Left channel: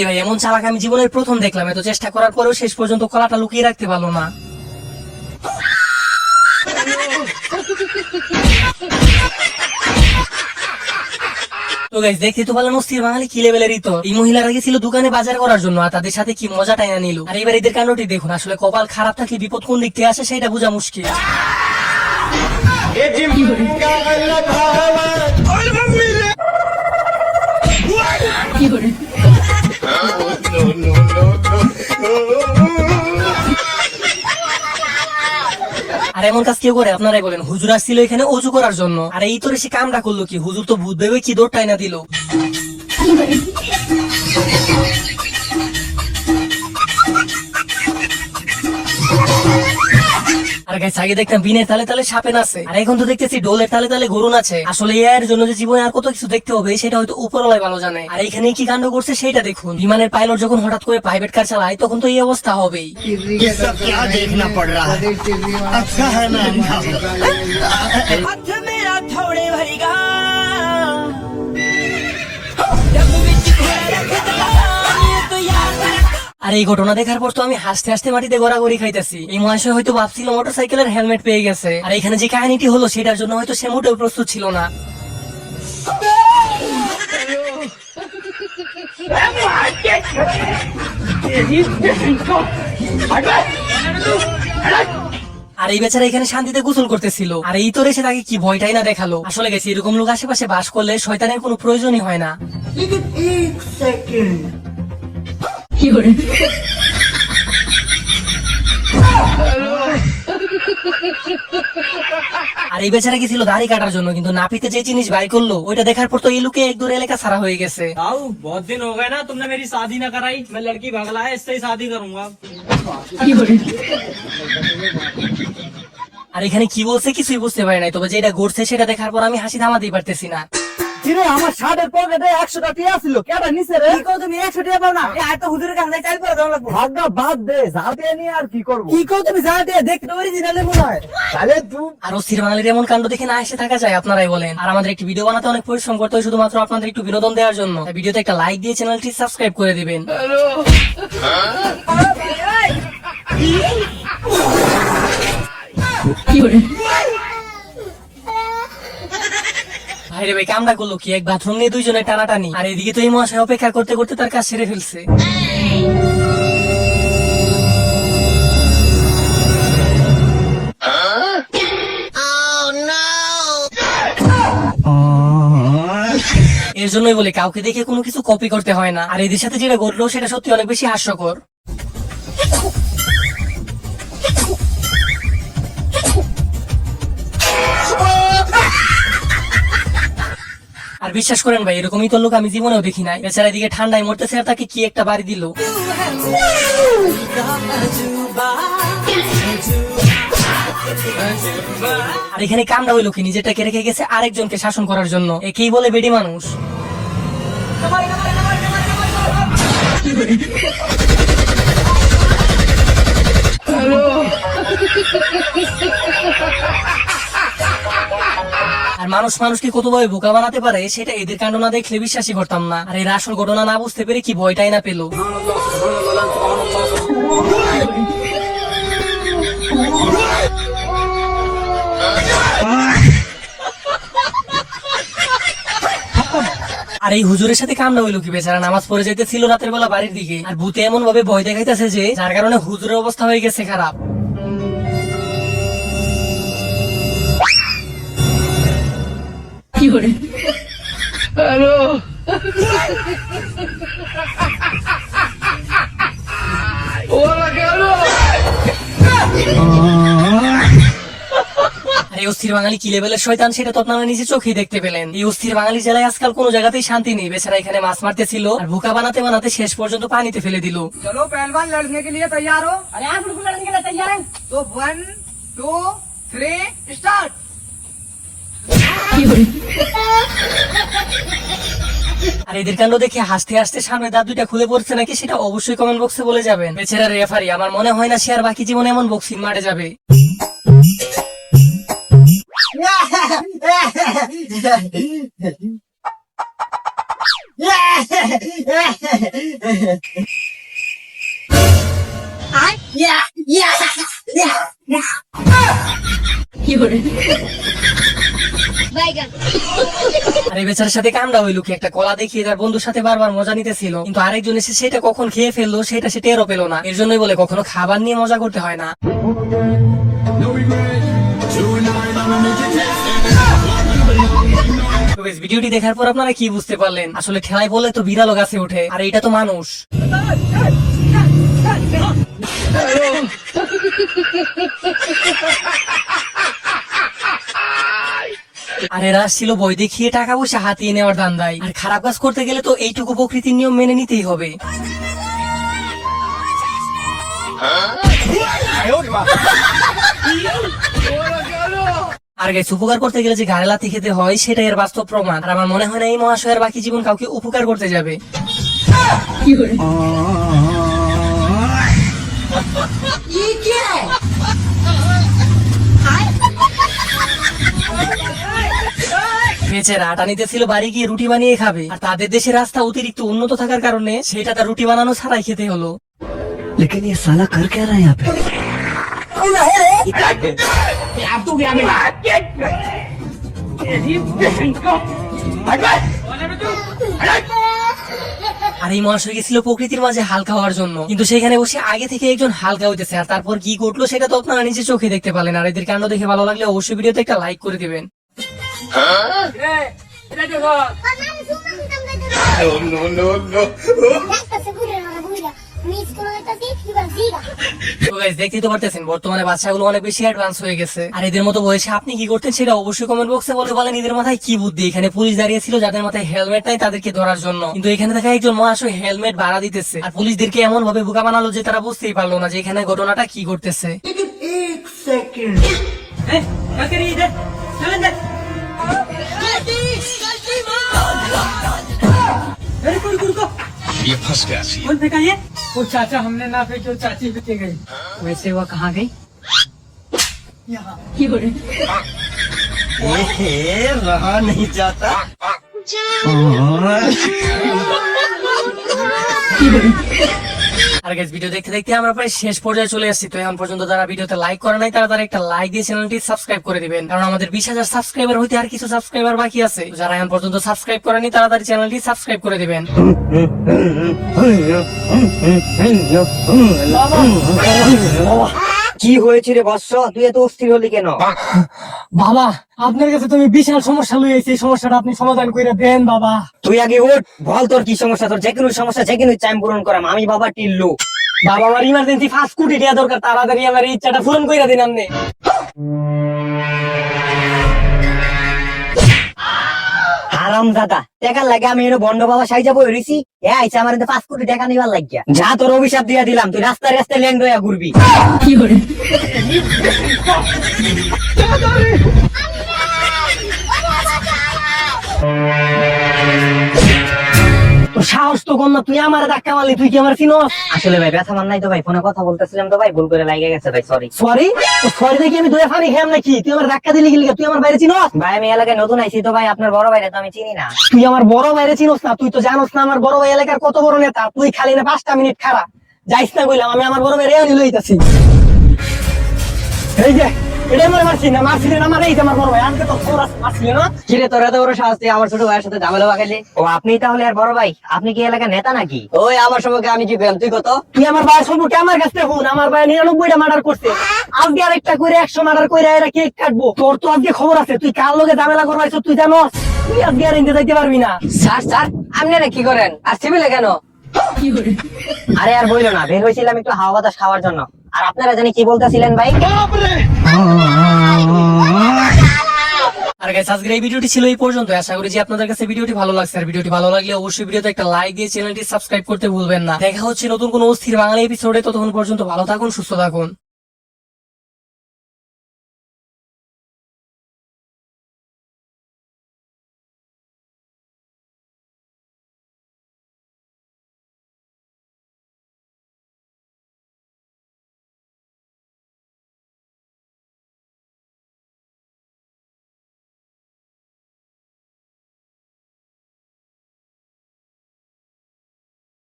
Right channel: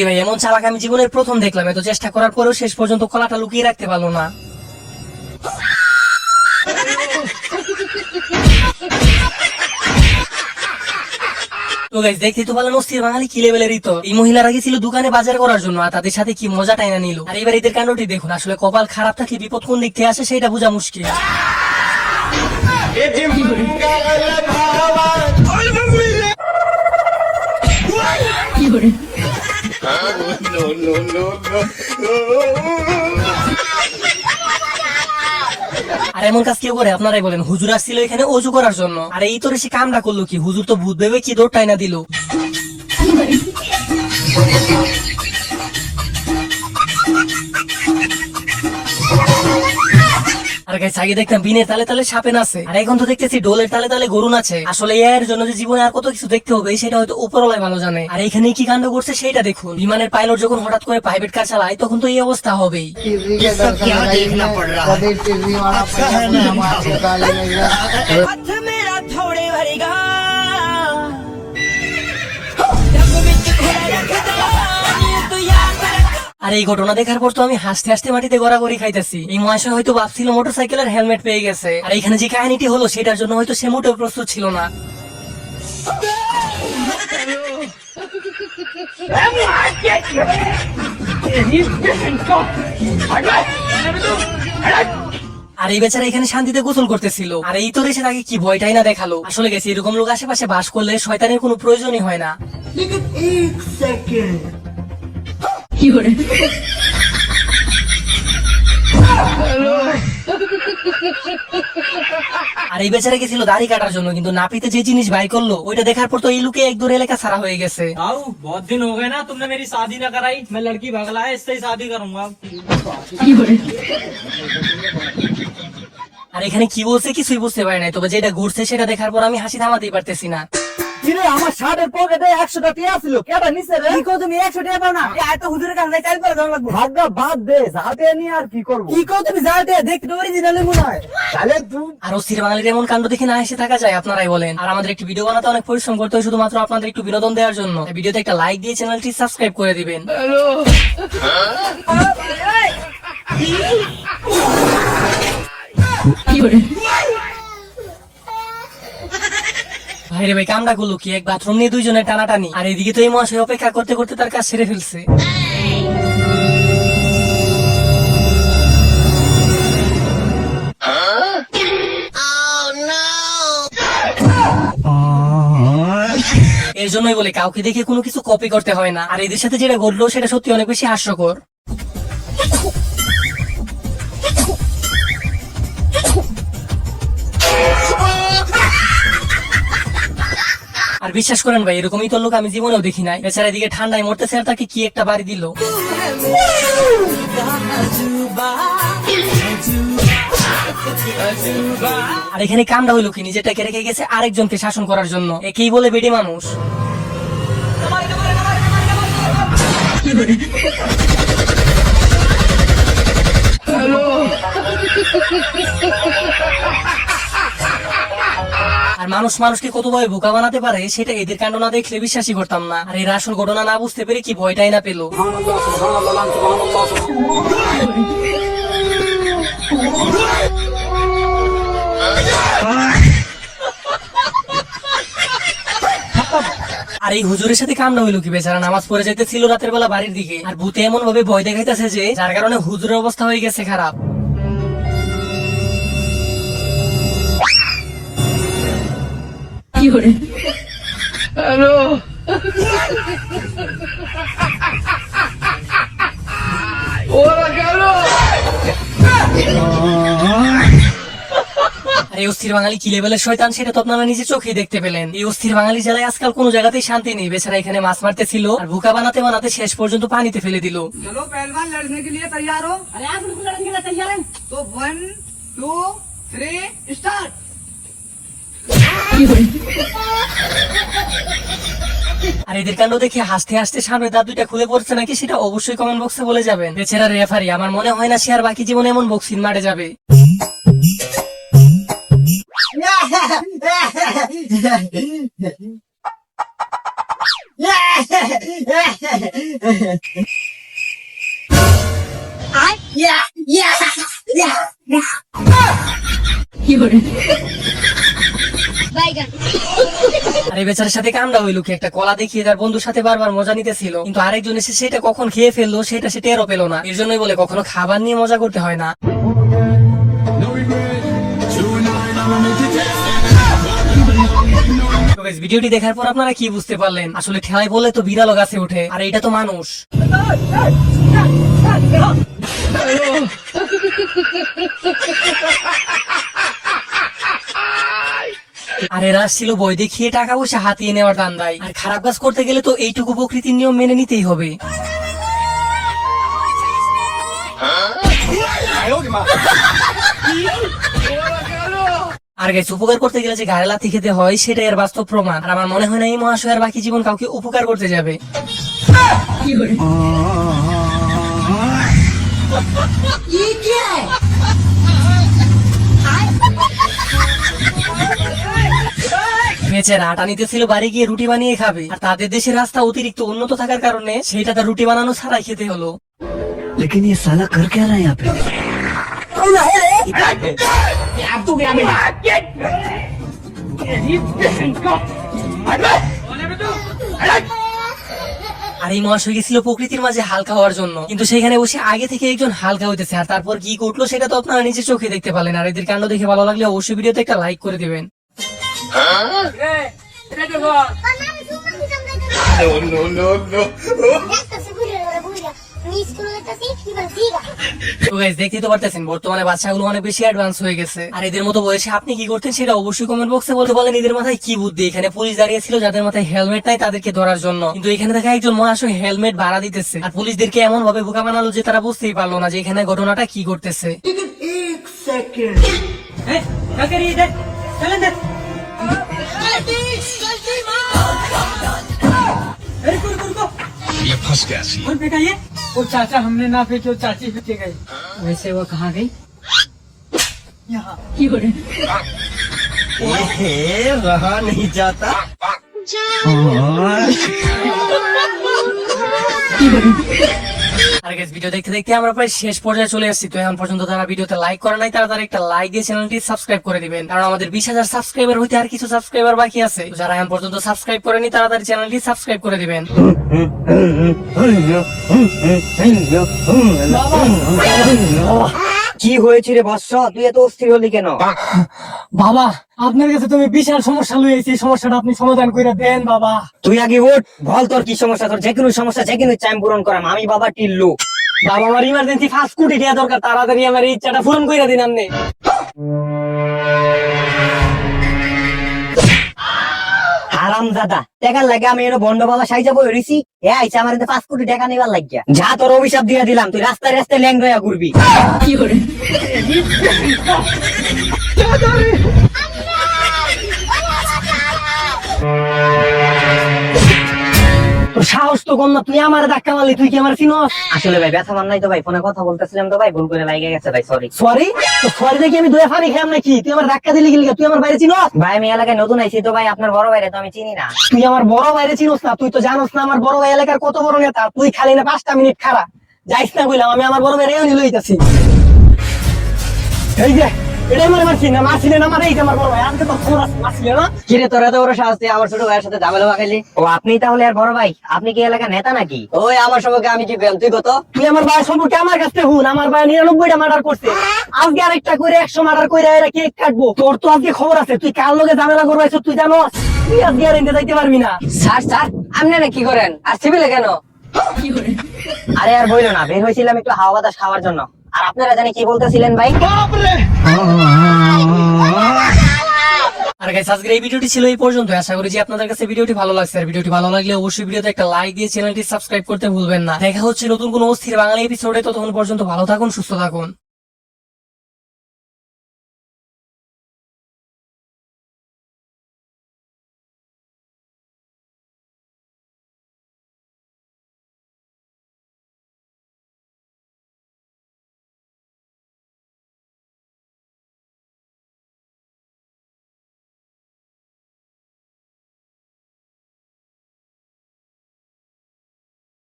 ভাই ভাই এমন চালাক আমি জীবনের প্রথম দেখলাম, এত চেষ্টা করার পরেও শেষ পর্যন্ত কলাটা লুকিয়ে রাখতে পারলো না। তো গাইস দেখতে তো ভালো নস্তির বাঙালি কি লেভেলের ইতো। এই মহিলারা গেছিল দোকানে বাজার করার জন্য, আর তাদের সাথে কি মজা টাইনা নিল। আর এবার এদের কাণ্ডটি দেখুন, আসলে কপাল খারাপ থাকলে বিপদ কোন দিক থেকে আসে সেটা বোঝা মুশকিল। আর এমন কাজ কেউ করে আপনারাই বলেন? হুজুর আসছিল এখানে অজু করার জন্য, আর এই তোর সে কামটা করলো কি? হুজুর তো ভূত ভেবে কি দৌড় টাইনা দিল। আর গাইস আগে দেখতাম বিনের তালে তালে সাপে নাচে, আর এখন তো দেখতেছি ডোলের তালে তালে গরু নাচে। আসলে এর জন্য যে জীবনে আর কত কিছু দেখতে হবে সেটা হয়তো উপরওয়ালাই ভালো জানে। আর এইখানে কি কাণ্ড করছে সেটা দেখুন। বিমানের পাইলট যখন হঠাৎ করে প্রাইভেট কার চালায় তখন তো এই অবস্থা হবেই। আর এই ঘটনা দেখার পর তো আমি হাসতে হাসতে মাটিতে গড়াগড়ি খাইতেছি। এই মহাশয় হয়তো ভাবছিল মোটরসাইকেলের হেলমেট পেয়ে গেছে, আর এখানে যে কাহিনীটি হলো সেটার জন্য হয়তো সে মোটেও প্রস্তুত ছিল না। আর এই বেচারা এখানে শান্তিতে গোসল করতেছিল, আর এই তো এসে তাকে কি ভয়টাই না দেখালো। আসলে গেছে এরকম লোক আশেপাশে বাস করলে শয়তানের কোনো প্রয়োজনই হয় না। আর এই বেচারা গেছিল দাড়ি কাটার জন্য, কিন্তু নাপিতে যে জিনিস বাই করলো ওইটা দেখার পর তো এই লোকে এক দূর এলাকা ছাড়া হয়ে গেছে। बहुत दिन हो गए ना, तुमने मेरी शादी न कराई। मैं लड़की भगला है, इससे ही शादी करूंगा। আর এখানে কি বলছে কিছুই বুঝতে পারি নাই, তবে যেটা ঘটছে সেটা দেখার পর আমি হাসি থামাতেই পারতেছি না। আমার শার্টের পকেটে 100 টাকা ছিল, কেডা নিছে রে? কি কও তুমি 100 টাকা পাও না? এই তো হুজুরের কাছে চাইল করে দাও লাগবে। ভাগা বাদ দে, যাতে নিয়ে আর কি করব? কি কও তুমি? যাতে দেখতে অরিজিনাল মনে হয়। তাহলে তুই আর অস্থির বাঙালির এমন কাণ্ড দেখে না এসে থাকা যায়? আপনারাই বলেন। আর আমাদের একটি ভিডিও বানাতে অনেক পরিশ্রম করতে হয় শুধুমাত্র আপনাদের একটু বিনোদন দেওয়ার জন্য। ভিডিওতে একটা লাইক দিয়ে চ্যানেলটি সাবস্ক্রাইব করে দিবেন। ভাইরে ভাই কামটা করলো কি? এক বাথরুম নিয়ে দুইজনের টানাটানি, আর এদিকে তো এই মহাশয় অপেক্ষা করতে করতে তার কাজ সেরে ফেলছে। এর জন্যই বলে কাউকে দেখে কোনো কিছু কপি করতে হয় না। আর এদের সাথে যেটা ঘটলো সেটা সত্যি অনেক বেশি হাস্যকর। আর বিশ্বাস করেন ভাই, এরকমই তো লোক আমি জীবনেও দেখি নাই। বেচারা এদিকে ঠান্ডায় মরতেছে আর তাকে কি একটা বাড়ি দিল। আর এখানে কামটা হইলো কি? নিজেটাকে রেখে গেছে আরেকজনকে শাসন করার জন্য। একেই বলে বেডি মানুষ। আর মানুষ মানুষকে কতভাবে বোকা বানাতে পারে সেটা এদের কাণ্ড না দেখলে বিশ্বাসই করতাম না। আর এর আসল ঘটনা না বুঝতে পেরে কি ভয়টাই না পেল। আর এই হুজুরের সাথে কামড়া হইলো কি? বেচারা নামাজ পড়ে যাইতেছিল রাতের বেলা বাড়ির দিকে, আর ভূতে এমন ভাবে ভয় দেখাইতেছে যে যার কারণে হুজুরের অবস্থা হয়ে গেছে খারাপ। এই অস্থির বাঙালি কি লেভেলের শয়তান সেটা তো আপনারা নিজে চোখেই দেখতে পেলেন। এই অস্থির বাঙালি জেলায় আজকাল কোনো জায়গাতেই শান্তি নেই। বেচারা এখানে মাছ মারতেছিল আর বোকা বানাতে বানাতে শেষ পর্যন্ত পানিতে ফেলে দিল। चलो पहलवान लड़ने के लिए तैयार हो? अरे आप बिल्कुल लड़ने के लिए तैयार हैं? तो 1 2 3 स्टार्ट। আর এদের কাণ্ড দেখে হাসতে হাসতে সামনে দাঁত দুইটা খুলে পড়ছে নাকি সেটা অবশ্যই কমেন্ট বক্সে বলে যাবেন। বেচারা রেফারি, আমার মনে হয় না সে আর বাকি জীবনে এমন বক্সিং মাঠে যাবে। আরে বেচারার সাথে কামড়া হইলো কি, একটা কলা দেখিয়ে তার বন্ধুর সাথে বারবার মজা নিতেছিল, কিন্তু আরেকজন এসে সেটা কখন খেয়ে ফেললো সেটা সে টেরও পেলো না। এর জন্যই বলে কখনো খাবার নিয়ে মজা করতে হয় না। তো guys, ভিডিওটি দেখার পর আপনারা কি বুঝতে পারলেন? আসলে ঠেলাই বলে তো বিড়ালও গাছে ওঠে, আর এটা তো মানুষ। আর এরা ছিল বই দেখিয়ে টাকা পয়সা হাতিয়ে নেওয়ার দান্দায়। আর খারাপ কাজ করতে গেলে তো এইটুকু প্রকৃতির নিয়ম মেনে নিতেই হবে। আর গাইস, উপকার করতে গেলে যে ঘাড়ে লাথি খেতে হয় সেটাই এর বাস্তব প্রমাণ। আর আমার মনে হয় না এই মহাশয়ের বাকি জীবন কাউকে উপকার করতে যাবে। বেচারা আটা নিতেছিল বাড়ি গিয়ে রুটি বানিয়ে খাবে, আর তাদের দেশের রাস্তা অতিরিক্ত উন্নত থাকার কারণে সেটা তার রুটি বানানো ছাড়াই খেতে হলো। लेकिन ये साला कर क्या रहा है यहाँ पे? আর এই মহাশয় গেছিল প্রকৃতির মাঝে হালকা হওয়ার জন্য, কিন্তু সেখানে বসে আগে থেকে একজন হালকা হইতেছে। আর তারপর কি ঘটলো সেটা তো আপনারা নিজে চোখে দেখতে পারলেন। আর এদের কাণ্ড দেখে ভালো লাগলে অবশ্যই ভিডিওতে একটা লাইক করে দিবেন। তো guys, দেখতেই তো পারতেছেন বর্তমানে বাচ্চাগুলো অনেক বেশি অ্যাডভান্স হয়ে গেছে। আর এদের মতো বয়সে আপনি কি করতেন সেটা অবশ্যই কমেন্ট বক্সে বলতে বলেন। এদের মাথায় কি বুদ্ধি? এখানে পুলিশ দাঁড়িয়ে ছিল যাদের মাথায় হেলমেট নাই তাদেরকে ধরার জন্য, কিন্তু এখানে দেখা একজন মহাশয় হেলমেট ভাড়া দিতেছে। আর পুলিশদেরকে এমন ভাবে বোকা বানালো যে তারা বুঝতেই পারলো না যে এখানে ঘটনাটা কি করতেছে। क्या करिए इधर चल इधर रुको ये फंस गया सी। कौन फेंका ये? वो चाचा हमने ना फेंको, चाची फेंके गई। वैसे वो कहाँ गई? यहाँ रहा नहीं जाता। আর গাইস, ভিডিও দেখতে দেখতে আমরা প্রায় শেষ পর্যায়ে চলে এসেছি। তো এখন পর্যন্ত যারা ভিডিওতে লাইক করে নাই তারা একটা লাইক দিয়ে চ্যানেলটি সাবস্ক্রাইব করে দিবেন, কারণ আমাদের 20,000 সাবস্ক্রাইবার হইতে আর কিছু সাবস্ক্রাইবার বাকি আছে। তো যারা এখন পর্যন্ত সাবস্ক্রাইব করেনি তারা চ্যানেলটি সাবস্ক্রাইব করে দিবেন। কি হয়েছে রে বৎস, তুই এত অস্থির হলি কেন? বাবা, আপনার কাছে তুমি বিশাল সমস্যা লইছি, এই সমস্যাটা আপনি সমাধান করে দেন বাবা। তুই আগে ওঠ, বল তোর কি সমস্যা। তোর যে কোনো সমস্যা যে কোনো টাইম পূরণ করাম আমি, বাবা টিল্লু। বাবা, আমার ইমার্জেন্সি 5 কোটি টাকা দরকার, তাড়াতাড়ি আমার এই ইচ্ছাটা পূরণ করে দিন আপনি। হারামজাদা, টাকার লাগে আমি এর বন্ড বাবা সাইজা বই রইছি। এ আইছে আমার 5 কোটি টাকা নিবার লাগিয়া। যা, তোর অভিশাপ দিয়া দিলাম, তুই রাস্তায় রাস্তায় ল্যাং রইয়া ঘুরবি। তোর সাহস তো কম না, তুই আমার ধাক্কা মারলি, তুই কি আমার চিনস? আসলে ভাই ব্যথা মান নাই তো ভাই, ফোনে কথা বলতেছিলাম তো ভাই, ভুল করে লাগে গেছে ভাই, সরি। সরি? তো সরি দেখি আমি দুয়া ফানি খেলাম নাকি? তুই আমার ধাক্কা দিলি গেলি, তুই আমার বাইরে চিনস? ভাই আমি এলাকায় নতুন আইছি তো ভাই, আপনার বড় ভাইরে তো আমি চিনি না। তুই আমার বড় বাইরে চিনস না? তুই তো জানোস না আমার বড় ভাই এলাকার কত বড় নেতা। তুই খালি না 5টা মিনিট খাড়া যাইস না কইলাম, আমি আমার বড় ভাই রেও নিয়ে লইতাছি। এই যে এটা আমার মারছিস না, মারছিস না আমার, এই যে আমার বড় ভাই, আমি তো তোর মারছিস না। কিরে তোর এত বড় সাহস, তুই আমার ছোট ভাইয়ের সাথে ঝামেলা লাগাইলি? ও আপনি তাহলে আর বড় ভাই? আপনি কি এলাকার নেতা নাকি? ওই আমার সম্পর্কে আমি কি পেলাম, তুই কত? তুই আমার ভাই সম্পর্কে আমার কাছে হুন, আমার ভাই 99টা মার্ডার করছে, আজকে আরেকটা করে 100 মার্ডার করে এরা কেক কাটবো। তোর তো আজকে খবর আছে, তুই কার লগে ঝামেলা করবাইছ তুই জানোস? তুই আজকে আর ইনতে যাইতে পারবি না। স্যার স্যার, আপনারা কি করেন আর সিভিলে কেন? আরে আর বইলো না, বের হয়েছিলাম একটু হাওয়া বাতাস খাওয়ার জন্য। আর আপনারা জানি কি বলতেছিলেন ভাই? আর গাইস, আজকের এই ভিডিওটি ছিল এই পর্যন্ত। আশা করি যে আপনাদের কাছে ভিডিওটি ভালো লাগছে। আর ভিডিওটি ভালো লাগলে অবশ্যই ভিডিওতে একটা লাইক দিয়ে চ্যানেলটি সাবস্ক্রাইব করতে ভুলবেন না। দেখা হচ্ছে নতুন কোনো অস্থির বাংলা এপিসোডে। ততক্ষণ পর্যন্ত ভালো থাকুন, সুস্থ থাকুন।